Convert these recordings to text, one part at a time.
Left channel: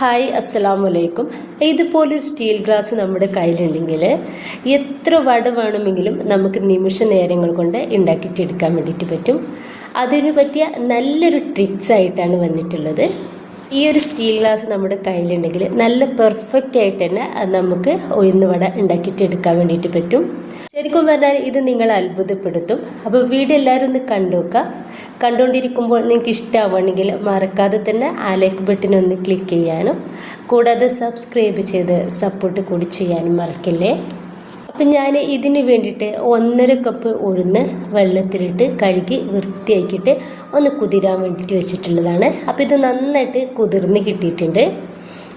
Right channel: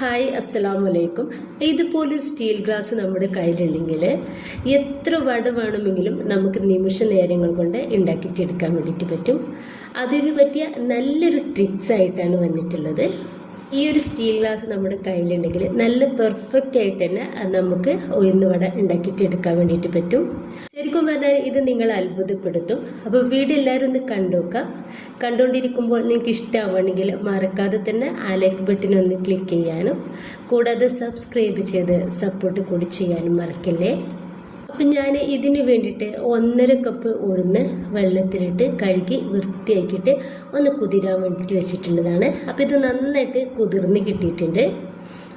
Hi അസ്സലാമു അലൈക്കും. ഇതുപോലെ സ്റ്റീൽ ഗ്ലാസ് നമ്മുടെ കയ്യിലുണ്ടെങ്കിൽ എത്ര വട വേണമെങ്കിലും നമുക്ക് നിമിഷ നേരങ്ങൾ കൊണ്ട് ഉണ്ടാക്കിയിട്ടെടുക്കാൻ വേണ്ടിയിട്ട് പറ്റും. അതിന് പറ്റിയ നല്ലൊരു ട്രിക്സ് ആയിട്ടാണ് വന്നിട്ടുള്ളത്. ഈ ഒരു സ്റ്റീൽ ഗ്ലാസ് നമ്മുടെ കയ്യിലുണ്ടെങ്കിൽ നല്ല പെർഫെക്റ്റ് ആയിട്ട് തന്നെ നമുക്ക് ഉഴുന്ന് വട ഉണ്ടാക്കിയിട്ടെടുക്കാൻ വേണ്ടിയിട്ട് പറ്റും. ശരിക്കും പറഞ്ഞാൽ ഇത് നിങ്ങളെ അത്ഭുതപ്പെടുത്തും. അപ്പോൾ വീഡിയോ എല്ലാവരും ഒന്ന് കണ്ടുനോക്കുക. കണ്ടുകൊണ്ടിരിക്കുമ്പോൾ നിങ്ങൾക്ക് ഇഷ്ടമാവുകയാണെങ്കിൽ മറക്കാതെ തന്നെ ആ ലൈക്ക് ബട്ടൺ ഒന്ന് ക്ലിക്ക് ചെയ്യാനും കൂടാതെ സബ്സ്ക്രൈബ് ചെയ്ത് സപ്പോർട്ട് കൂടി ചെയ്യാനും മറക്കില്ലേ. അപ്പം ഞാൻ ഇതിന് വേണ്ടിയിട്ട് 1.5 കപ്പ് ഉഴുന്ന് വെള്ളത്തിലിട്ട് കഴുകി വൃത്തിയാക്കിയിട്ട് ഒന്ന് കുതിരാൻ വേണ്ടിയിട്ട് വെച്ചിട്ടുള്ളതാണ്. അപ്പോൾ ഇത് നന്നായിട്ട് കുതിർന്ന് കിട്ടിയിട്ടുണ്ട്.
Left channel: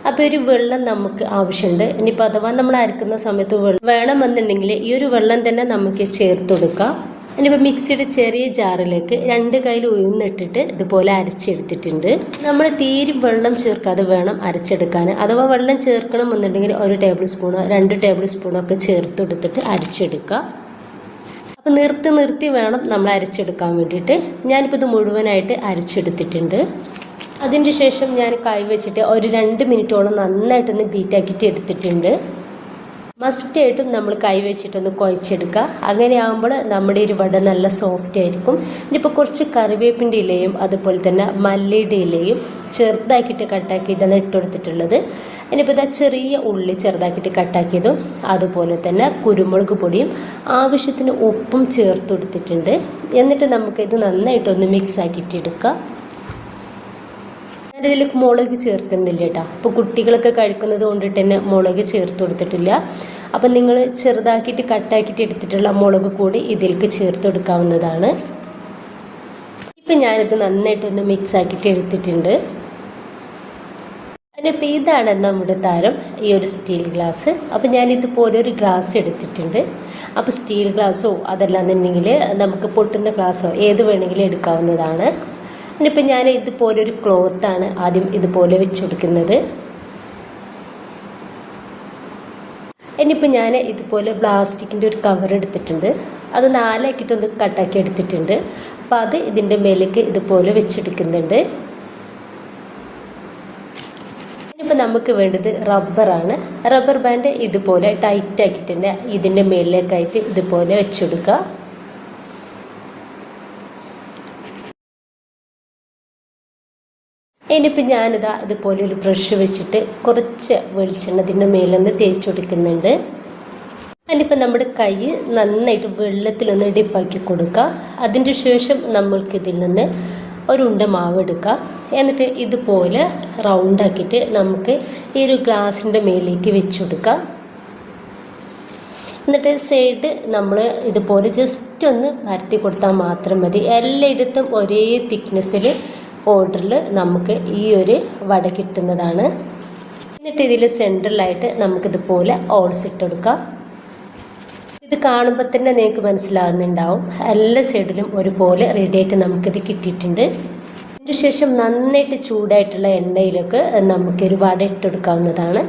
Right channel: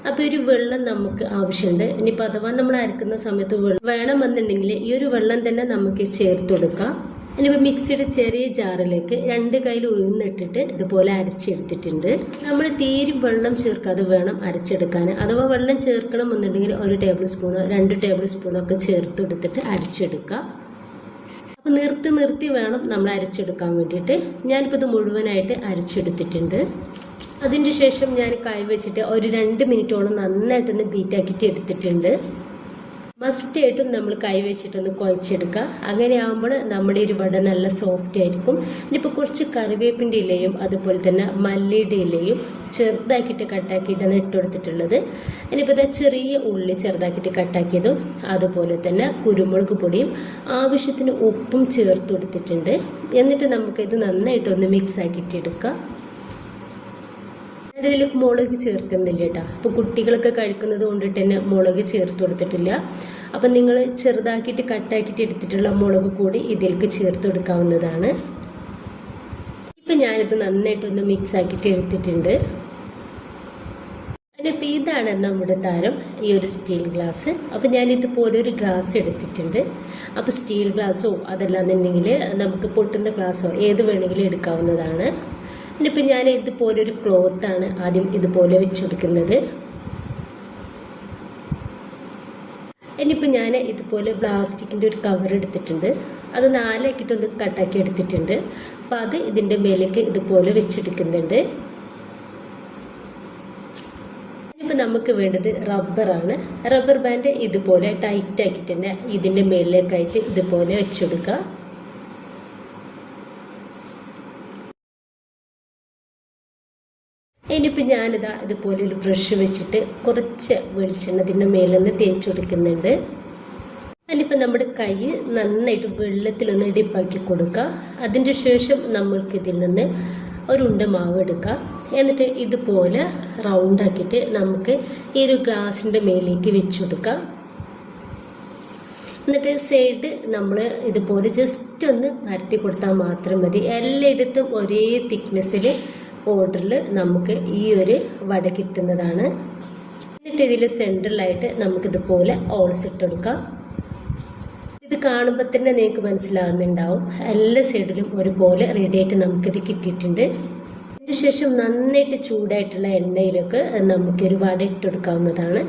അപ്പോൾ ഒരു വെള്ളം നമുക്ക് ആവശ്യമുണ്ട്. ഇനിയിപ്പോൾ അഥവാ നമ്മൾ അരക്കുന്ന സമയത്ത് വേണമെന്നുണ്ടെങ്കിൽ ഈ ഒരു വെള്ളം തന്നെ നമുക്ക് ചേർത്ത് കൊടുക്കാം. ഇനിയിപ്പോൾ മിക്സിയുടെ ചെറിയ ജാറിലേക്ക് 2 കയ്യിൽ ഉഴുന്നിട്ടിട്ട് ഇതുപോലെ അരച്ചെടുത്തിട്ടുണ്ട്. നമ്മൾ തീരെ വെള്ളം ചേർക്കാതെ വേണം അരച്ചെടുക്കാൻ. അഥവാ വെള്ളം ചേർക്കണം എന്നുണ്ടെങ്കിൽ 1 ടേബിൾ സ്പൂണോ 2 ടേബിൾ സ്പൂണോ ഒക്കെ ചേർത്ത് കൊടുത്തിട്ട് അരച്ചെടുക്കുക. അപ്പോൾ നിർത്തി വേണം നമ്മൾ അരച്ചെടുക്കാൻ വേണ്ടിയിട്ട്. ഞാനിപ്പോൾ ഇത് മുഴുവനായിട്ട് അരച്ചെടുത്തിട്ടുണ്ട്. അതിൻ്റെ ശേഷം ഞാൻ കൈ വെച്ചിട്ട് ഒരു 2 മിനിറ്റോളം നന്നായിട്ടൊന്ന് ബീറ്റാക്കിയിട്ട് എടുത്തിട്ടുണ്ട്. മസ്റ്റായിട്ടും നമ്മൾ കൈ വെച്ചിട്ടൊന്ന് കുഴച്ചെടുക്കുക. അങ്ങനെ ആകുമ്പോൾ നമ്മുടെ ഒരു വട നല്ല സോഫ്റ്റ് ആയിരിക്കും. ഇനിയിപ്പോൾ കുറച്ച് കറിവേപ്പിൻ്റെ ഇലയും അതുപോലെ തന്നെ മല്ലിയുടെ ഇലയും ചെറുതാക്കിയിട്ട് കട്ടാക്കിയിട്ടാണ് ഇട്ടുകൊടുത്തിട്ടുള്ളത്. ഇനിയിപ്പോൾ ഇതാ ചെറിയ ഉള്ളി ചെറുതാക്കിയിട്ട് കട്ടാക്കിയതും അതുപോലെ തന്നെ കുരുമുളക് പൊടിയും ആവശ്യത്തിന് ഉപ്പും ചേർത്ത് കൊടുത്തിട്ടുണ്ട്. എന്നിട്ട് നമുക്കിത് നന്നായിട്ടൊന്ന് മിക്സ് ആക്കിയിട്ട് എടുക്കാം. ഇതിലേക്ക് മുളക് ചേർക്കുന്നില്ല കേട്ടോ. അപ്പോൾ കുട്ടികളൊക്കെ കഴിക്കുന്നത് കൊണ്ടിട്ട് തന്നെ മുളക് ചേർത്ത് കൊടുത്തിട്ടില്ല. അപ്പം നിങ്ങൾ ചെറുതാക്കിയിട്ട് കട്ടാക്കിയിട്ട് എടുത്തിട്ടുള്ള മുളക് കൂടി ഇതിലേക്ക് ചേർത്ത് കൊടുക്കാവുന്നതാണ്. ഇപ്പം ഞാനിത് നന്നായിട്ടൊന്ന് മിക്സ് ആക്കിയിട്ട് എടുത്തിട്ടുണ്ട്. അതിനിപ്പോൾ ഇതാണ് നമ്മുടെ താരം, ഈ ഒരു സ്റ്റീൽ ഗ്ലാസ്. അപ്പോൾ ഞാനിതുപോലെ ഒരു ഗ്ലാസ് എടുത്തിട്ടുണ്ട്. അപ്പോൾ സ്റ്റീൽ ഗ്ലാസ്സോ അതല്ലാന്നുണ്ടെങ്കിൽ നമുക്ക് പൊട്ടുന്ന ഗ്ലാസ്സോ ഏത് വേണമെങ്കിലും എടുക്കാവുന്നതാണ്. ഇനിയിപ്പോൾ ഞാൻ ഇതുപോലൊരു ക്ലോത്താണ് ആദ്യം ഇതുപോലെ വെച്ച് കൊടുക്കുന്നത്. ഇനിയിപ്പോൾ ഞാൻ ഇതുപോലെ പ്ലാസ്റ്റിക്കിൻ്റെ ഒരു കവർ എടുത്തിട്ടുണ്ട്. അത് 4 ആക്കിയിട്ടൊന്ന് കട്ടാക്കി എടുത്തിട്ടുണ്ട്. അപ്പോൾ അത് ഇതിൻ്റെ മേലേക്ക് ഇതുപോലെ വെച്ചെടുക്കുന്നുണ്ട്. ഇനിയിപ്പോൾ നമുക്ക് വേണ്ടത് റബ്ബറാണ്. റബ്ബർ ബാൻഡ് ഇതുപോലെ ടൈറ്റ് ആക്കിയിട്ടുണ്ട് ഇതിൻ്റെ മേളിലേക്കായിട്ട് ഇതുപോലെ വെച്ചെടുക്കുക. ഇനിയിപ്പോൾ ഞാനിതാ ഇതുപോലെ ഒരു ബ്രഷ് വെച്ചിട്ട് കുറച്ച് വെളിച്ചെണ്ണ ഇതിൻ്റെ മേലൊന്ന് തേച്ച് കൊടുക്കുന്നുണ്ട്. അതിനിപ്പോൾ നമ്മുടെ കൈ നന്നായിട്ട് വെള്ളത്തിലൊന്ന് ഡിപ്പാക്കി കൊടുക്കുക. അതിൻ്റെ ശേഷം നമ്മൾക്കിതിൽ നിന്ന് ഒരു ഉണ്ട മാവ് എടുക്കുക. എന്നിട്ട് ഇതുപോലെ റൗണ്ടാക്കിയിട്ട് നമുക്ക് ഈ ഒരു ഗ്ലാസിൻ്റെ മേലേക്ക് വെച്ച് കൊടുക്കുക. എന്നിട്ട് സൈഡ് നമ്മൾ ഇതുപോലെ ജസ്റ്റ് ഒന്ന് പരത്തി കൊടുത്താൽ മാത്രം മതി. എല്ലായിടത്തും ഒരേ തിക്നെസ്സിൽ ഓർഡറിൽ നമുക്ക് ഈ ഒരു വട കിട്ടുന്നതാണ്. എന്നിട്ട് ഇതിൽ സെൻട്രലായിട്ട് നമുക്കിതുപോലെ ഓൾസ് ഇട്ടെടുക്കാം. ഇത് കാണുമ്പോൾ തന്നെ നിങ്ങൾക്ക് മനസ്സിലാകുന്നുണ്ടാവും എല്ലാ സൈഡിലും ഒരുപോലെ റെഡിയായിട്ട് നമുക്കിത് കിട്ടിയിട്ടുണ്ട്. അതിന് ശേഷം നന്നായിട്ട് ചൂടായിട്ടുള്ള എണ്ണയിലൊക്കെ നമുക്കൊരു വട ഇട്ടെടുക്കാവുന്നതാണ്.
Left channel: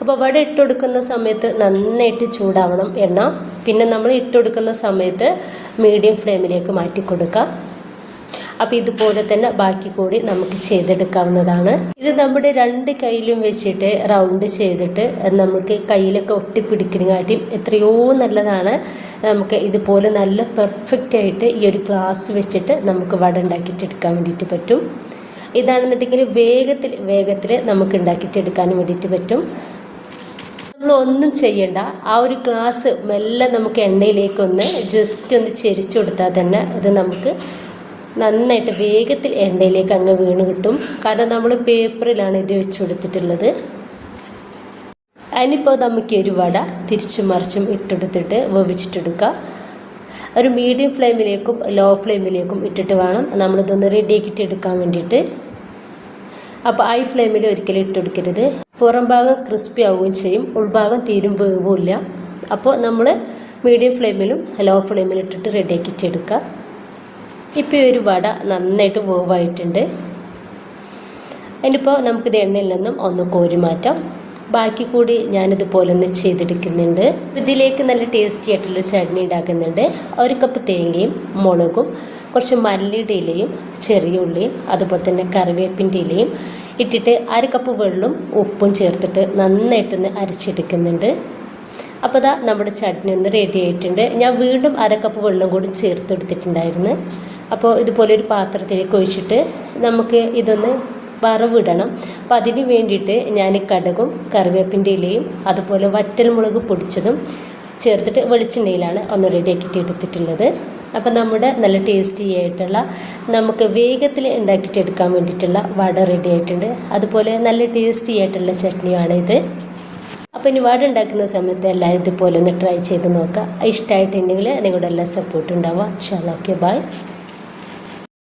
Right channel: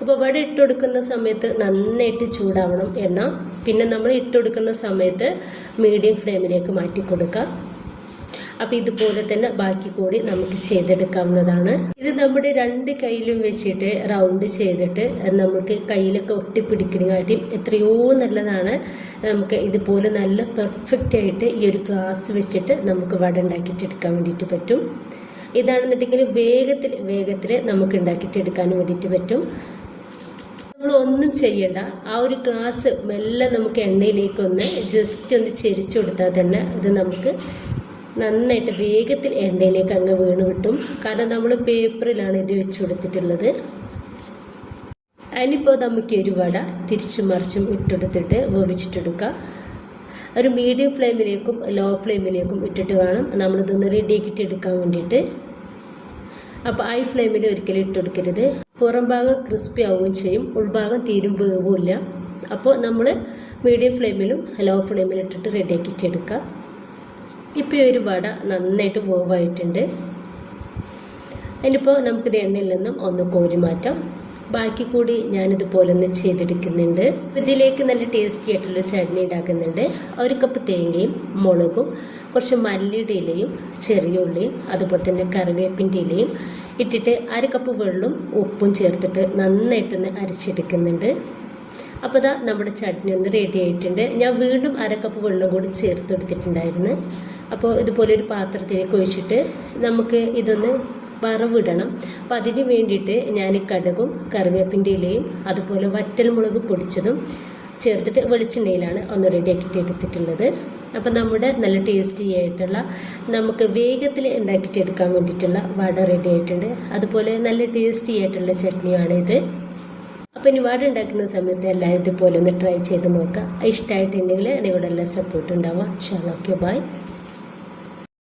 അപ്പോൾ വട ഇട്ടെടുക്കുന്ന സമയത്ത് നന്നായിട്ട് ചൂടാവണം എണ്ണ. പിന്നെ നമ്മൾ ഇട്ടെടുക്കുന്ന സമയത്ത് മീഡിയം ഫ്ലെയിമിലേക്ക് മാറ്റി കൊടുക്കാം. അപ്പോൾ ഇതുപോലെ തന്നെ ബാക്കി കൂടി നമുക്ക് ചെയ്തെടുക്കാവുന്നതാണ്. ഇത് നമ്മുടെ 2 കൈയിലും വെച്ചിട്ട് റൗണ്ട് ചെയ്തിട്ട് നമുക്ക് കയ്യിലൊക്കെ ഒട്ടിപ്പിടിക്കുന്നതിനായിട്ടും എത്രയോ നല്ലതാണ്. നമുക്ക് ഇതുപോലെ നല്ല പെർഫെക്റ്റ് ആയിട്ട് ഈ ഒരു ഗ്ലാസ് വെച്ചിട്ട് നമുക്ക് വട ഉണ്ടാക്കിയിട്ടെടുക്കാൻ വേണ്ടിയിട്ട് പറ്റും. ഇതാണെന്നുണ്ടെങ്കിൽ വേഗത്തിൽ നമുക്ക് ഉണ്ടാക്കിയിട്ടെടുക്കാനും വേണ്ടിയിട്ട് പറ്റും. നമ്മളൊന്നും ചെയ്യണ്ട. ആ ഒരു ഗ്ലാസ് മെല്ലെ നമുക്ക് എണ്ണയിലേക്കൊന്ന് ജസ്റ്റ് ഒന്ന് ചെരിച്ചു കൊടുത്താൽ തന്നെ ഇത് നമുക്ക് നന്നായിട്ട് വേഗത്തിൽ എണ്ണയിലേക്ക് അങ്ങ് വീണ് കിട്ടും. കാരണം നമ്മൾ പേപ്പറിലാണ് ഇത് വെച്ച് കൊടുത്തിട്ടുള്ളത്. അതിനിപ്പോൾ നമുക്ക് ഒരു വട തിരിച്ചും മറിച്ചും ഇട്ടെടുത്തിട്ട് വേവിച്ചിട്ടെടുക്കുക. ഒരു മീഡിയം ഫ്ലെയിമിലേക്കും ലോ ഫ്ലെയിമിലേക്കും ഇട്ടിട്ട് വേണം നമ്മളിതൊന്ന് റെഡിയാക്കിയിട്ട് എടുക്കാൻ വേണ്ടിയിട്ട്. അപ്പോൾ ഹൈ ഫ്ലെയിമിൽ ഒരിക്കലും ഇട്ടെടുക്കരുത്. പുറം ഭാഗം ക്രിസ്പി ആവുകയും ചെയ്യും, ഉൾഭാഗം തീരും വേവില്ല. അപ്പോൾ നമ്മൾ മീഡിയം ഫ്ലെയിമിലും ലോ ഫ്ലെയിമിലും ഇട്ടിട്ട് റെഡിയാക്കിയിട്ട് എടുക്കുക. ഇപ്പോൾ ഒരു വട നന്നായിട്ട് വേവായിട്ടുണ്ട്. അതിനിപ്പോൾ നമുക്കിത് എണ്ണയിൽ നിന്നും ഒന്ന് കോരി മാറ്റാം. ബാക്കി കൂടി ഞാനിതുപോലെ ഒന്ന് ചെയ്തെടുക്കുന്നുണ്ട്. ഇതിലേക്ക് നല്ല ടേസ്റ്റി ആയിട്ടുള്ള ചട്നി ഉണ്ടാക്കുന്നുണ്ട്. 1 കപ്പ് തേങ്ങയും മുളകും കുറച്ച് മല്ലിയുടെ ഇലയും ചെറിയ ഉള്ളിയും അതുപോലെ തന്നെ കറിവേപ്പിൻ്റെ ഇലയും ഇട്ടിട്ട് 1/2 കപ്പ് വെള്ളവും ഉപ്പും ചേർത്തിട്ട് നന്നായിട്ടൊന്ന് അരച്ചെടുക്കുന്നുണ്ട്. അപ്പോൾ ഇതാ നമ്മുടെ ചട്നി ഒന്ന് റെഡി ആയിട്ടുണ്ട്. ഞാൻ വീണ്ടും 1/2 കപ്പ് വെള്ളം കൂടി ചേർത്ത് കൊടുത്തിട്ടുണ്ടായിരുന്നു. അപ്പോൾ ഇതുപോലെ ഒരു പാത്രത്തിലേക്ക് ഒഴിച്ചിട്ട് നമുക്ക് ഇതൊന്ന് വറവിടണം. അപ്പോൾ അതിന് വേണ്ടിയിട്ട് ഞാൻ കടുകും കറിവേപ്പിൻ്റെ ഇലയും അതുപോലെ വറ്റൽമുളക് പൊടിച്ചതും ചേർത്തിട്ട് വെളിച്ചെണ്ണയിലാണ് ഒന്ന് റെഡിയാക്കിയിട്ട് എടുത്തിട്ടുള്ളത്. അപ്പോൾ നമ്മുടെ നല്ല ടേസ്റ്റി ആയിട്ടുള്ള നമുക്ക് വേഗത്തിൽ ഉണ്ടാക്കിയിട്ട് എടുക്കാൻ വേണ്ടിയിട്ടുള്ള വട റെഡി ആയിട്ടുണ്ട്. അതുപോലെ നല്ല ടേസ്റ്റി ആയിട്ടുള്ള ചട്നിയാണ് ഇത്. അപ്പോൾ ഇനി വട ഉണ്ടാക്കുന്ന സമയത്ത് എല്ലാം ഇതുപോലെ ഒന്ന് ട്രൈ ചെയ്ത് നോക്കുക. ഇഷ്ടമായിട്ടുണ്ടെങ്കിൽ നിങ്ങളുടെ എല്ലാ സപ്പോർട്ടും ഉണ്ടാവുക. ഇൻഷാ അല്ലാഹ്. Okay, by.